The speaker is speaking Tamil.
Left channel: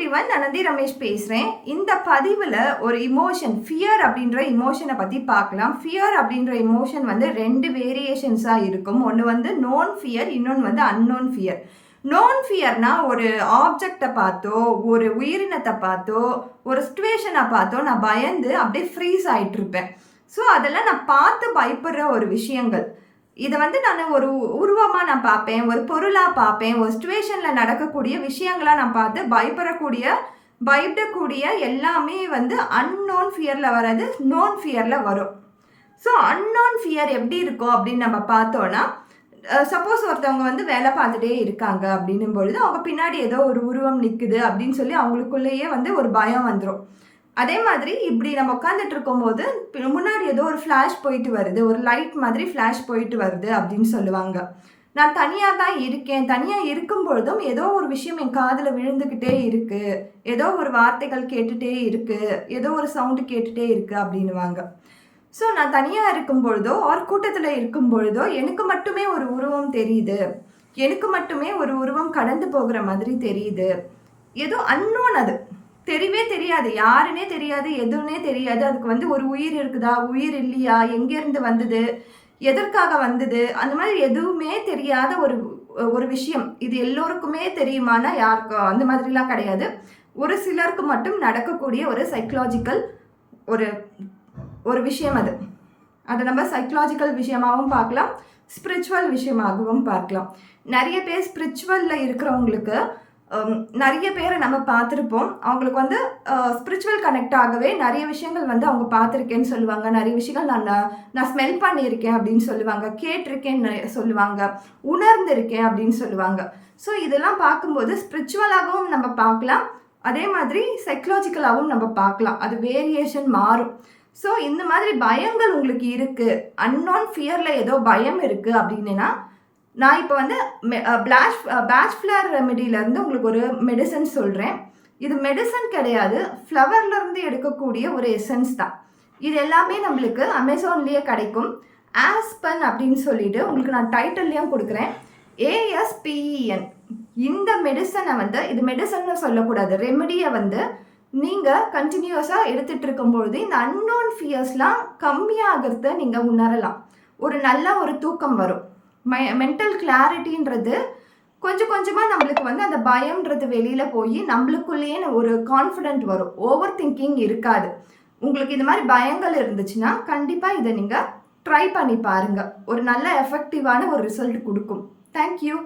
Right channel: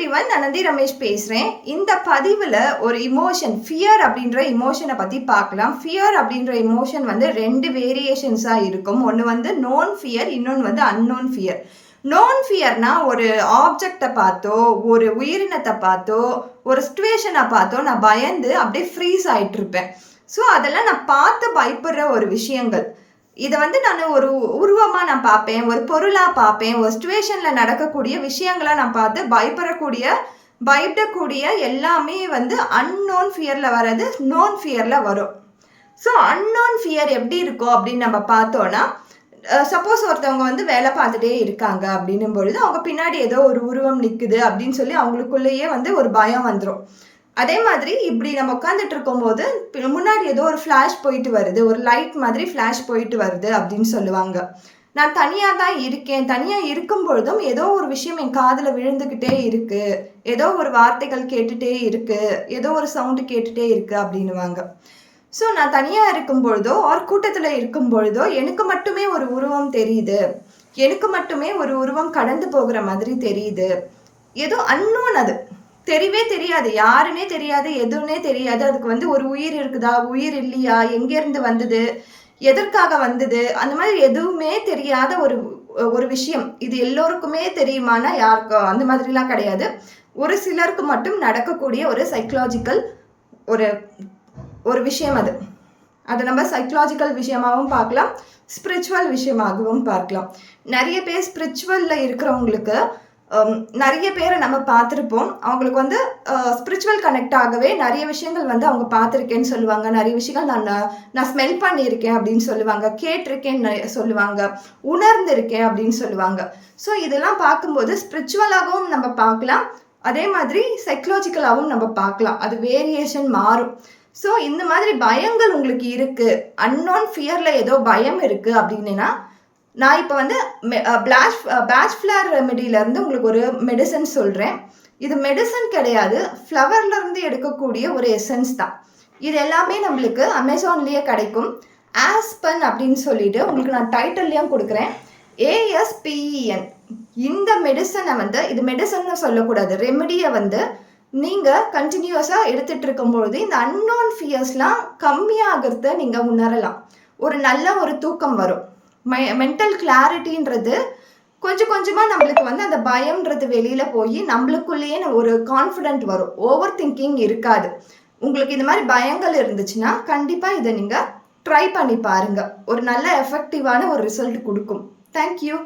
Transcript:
எவ்ரிவன், நான் நந்தி ரமேஷ் பேசுகிறேன். இந்த பதிவில் ஒரு இமோஷன், ஃபியர் அப்படின்ற இமோஷனை பற்றி பார்க்கலாம். ஃபியர் அப்படின்ற இமோஷன் வந்து 2 வேரியேஷன்ஸாக இருக்கும். ஒன்று வந்து நோன் ஃபியர், இன்னொன்று வந்து அன்னோன் ஃபியர். நோன் ஃபியர்னா ஒரு ஆப்ஜெக்டை பார்த்தோ, ஒரு உயிரினத்தை பார்த்தோ, ஒரு சிச்சுவேஷனை பார்த்தோ நான் பயந்து அப்படியே ஃப்ரீஸ் ஆகிட்டு இருப்பேன். ஸோ அதெல்லாம் நான் பார்த்து பயப்படுற ஒரு விஷயங்கள். இதை வந்து நான் ஒரு உருவமாக நான் பார்ப்பேன், ஒரு பொருளாக பார்ப்பேன், ஒரு சிச்சுவேஷனில் நடக்கக்கூடிய விஷயங்களாக நான் பார்த்து பயப்படக்கூடிய எல்லாமே வந்து அன்னோன் ஃபியரில் வர்றது நோன் ஃபியரில் வரும். ஸோ அன்னோன் ஃபியர் எப்படி இருக்கும் அப்படின்னு நம்ம பார்த்தோன்னா, சப்போஸ் ஒருத்தவங்க வந்து வேலை பார்த்துட்டே இருக்காங்க அப்படின்னும் பொழுது அவங்க பின்னாடி ஏதோ ஒரு உருவம் நிற்குது அப்படின்னு சொல்லி அவங்களுக்குள்ளேயே வந்து ஒரு பயம் வந்துடும். அதே மாதிரி இப்படி நம்ம உட்காந்துட்டு இருக்கும்போது முன்னாடி ஏதோ ஒரு ஃப்ளாஷ் போயிட்டு வருது, ஒரு லைட் மாதிரி ஃப்ளாஷ் போயிட்டு வருது அப்படின்னு சொல்லுவாங்க. நான் தனியாக தான் இருக்கேன், தனியாக இருக்கும் பொழுதும் ஏதோ ஒரு விஷயம் என் காதில் விழுந்துக்கிட்டே இருக்குது, ஏதோ ஒரு வார்த்தைகள் கேட்டுகிட்டே இருக்குது, ஏதோ ஒரு சவுண்டு கேட்டுகிட்டே இருக்குது அப்படின்னுவாங்க. ஸோ நான் தனியாக இருக்கும் பொழுதோ ஒரு கூட்டத்தில் இருக்கும் பொழுதோ எனக்கு மட்டுமே ஒரு உருவம் தெரியுது, எனக்கு மட்டுமே ஒரு உருவம் கடந்து போகிற மாதிரி தெரியுது. ஏதோ அன்னோன், அது தெரியவே தெரியாது, யாருன்னே தெரியாது, எதுவுன்னே தெரியாது. அதுக்கு வந்து ஒரு உயிர் இருக்குதா, உயிர் இல்லையா, எங்கேருந்து வந்தது, எதற்காக வந்தது, அந்த மாதிரி எதுவுமே தெரியாத ஒரு விஷயம். இது எல்லோருக்குமே தெரியுமானா யாருக்கும் அந்த மாதிரிலாம் கிடையாது. ஒரு சிலருக்கு மட்டும் நடக்கக்கூடிய ஒரு சைக்கலாஜிக்கல் ஒரு விஷயம் அது. அதை நம்ம சைக்கலாஜிக்கல் விஷயமாகவும் பார்க்கலாம், ஸ்பிரிச்சுவல் விஷயமாகவும் பார்க்கலாம். நிறைய பேர் ஸ்பிரிச்சுவலில் இருக்கிறவங்களுக்கு நிறைய பேரை நம்ம பார்த்துருப்போம். அவங்களுக்கு வந்து ஸ்பிரிச்சுவல் கனெக்ட் ஆகவே நிறைய விஷயங்கள் வந்து அவங்க பார்த்துருக்கேன்னு சொல்லுவாங்க, நிறைய விஷயங்கள் நான் ஸ்மெல் பண்ணியிருக்கேன் அப்படின்னு சொல்லுவாங்க, கேட்டிருக்கேன்னு சொல்லுவாங்க, உணர்ந்திருக்கேன் அப்படின்னு சொல்லுவாங்க. ஸோ இதெல்லாம் பார்க்கும்போது ஸ்பிரிச்சுவலாகவும் நம்ம பார்க்கலாம், அதே மாதிரி சைக்கலாஜிக்கலாகவும் நம்ம பார்க்கலாம். அது வேரியேஷன் மாறும். ஸோ இந்த மாதிரி பயங்கள் உங்களுக்கு இருக்குது, அன்னோன் ஃபியரில் ஏதோ பயம் இருக்குது அப்படின்னா, நான் இப்போ வந்து பேட்ச் ஃப்ளவர் ரெமெடியிலேருந்து உங்களுக்கு ஒரு மெடிசன் சொல்கிறேன். இது மெடிசன் கிடையாது, ஃப்ளவர்லேருந்து எடுக்கக்கூடிய ஒரு எசன்ஸ் தான். இது எல்லாமே நம்மளுக்கு அமேசான்லேயே கிடைக்கும். ஆஸ்பன் அப்படின்னு சொல்லிட்டு உங்களுக்கு நான் டைட்டில்லையும் கொடுக்குறேன், ASPEN. இந்த மெடிசனை வந்து, இது மெடிசன்னு சொல்லக்கூடாது, ரெமெடியை வந்து நீங்கள் கண்டினியூஸாக எடுத்துகிட்டு இருக்கும்பொழுது இந்த அன்னோன் ஃபியர்ஸ்லாம் கம்மியாகிறத நீங்கள் உணரலாம். ஒரு நல்ல ஒரு தூக்கம் வரும், மென்டல் கிளாரிட்டின்றது கொஞ்சம் கொஞ்சமாக நம்மளுக்கு வந்து அந்த பயம்ன்றது வெளியில் போய் நம்மளுக்குள்ளேயே ஒரு கான்ஃபிடென்ட் வரும், ஓவர் திங்கிங் இருக்காது. உங்களுக்கு இந்த மாதிரி பயங்கள் இருந்துச்சுன்னா கண்டிப்பாக இதை நீங்கள் ட்ரை பண்ணி பாருங்கள், ஒரு நல்ல எஃபெக்டிவான ஒரு ரிசல்ட் கொடுக்கும். தேங்க்யூ.